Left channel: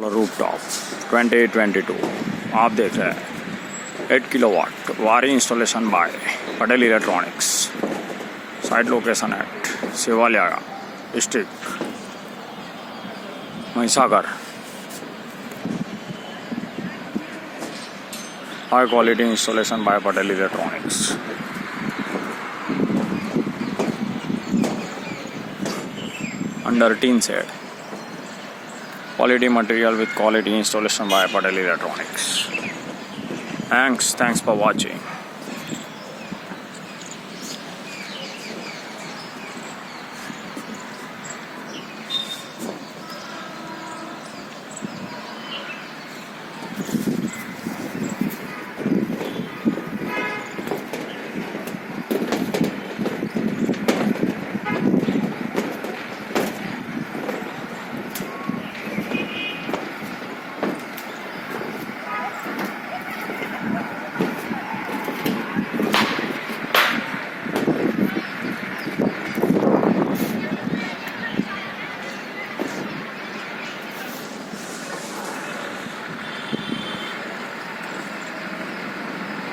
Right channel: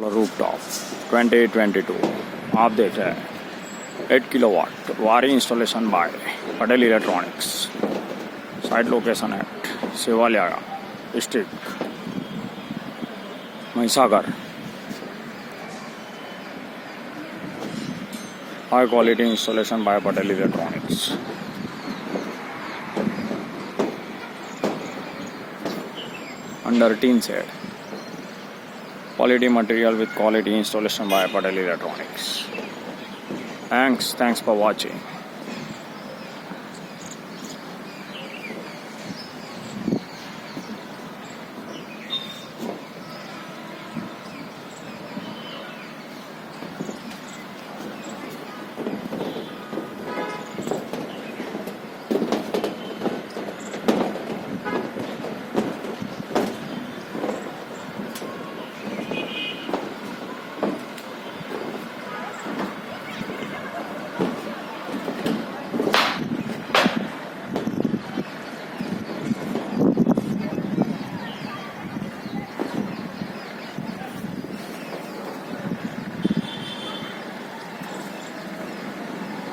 Rooftop 2022 आप देख रहे हैं 8 kilowatt Waaree installation by Patel electronics. Site location at savaliya district Mahisagar. High quality installation by Patel electronics. Under tin set quality material with quality installation by PATEL Electronics. Thanks for watching.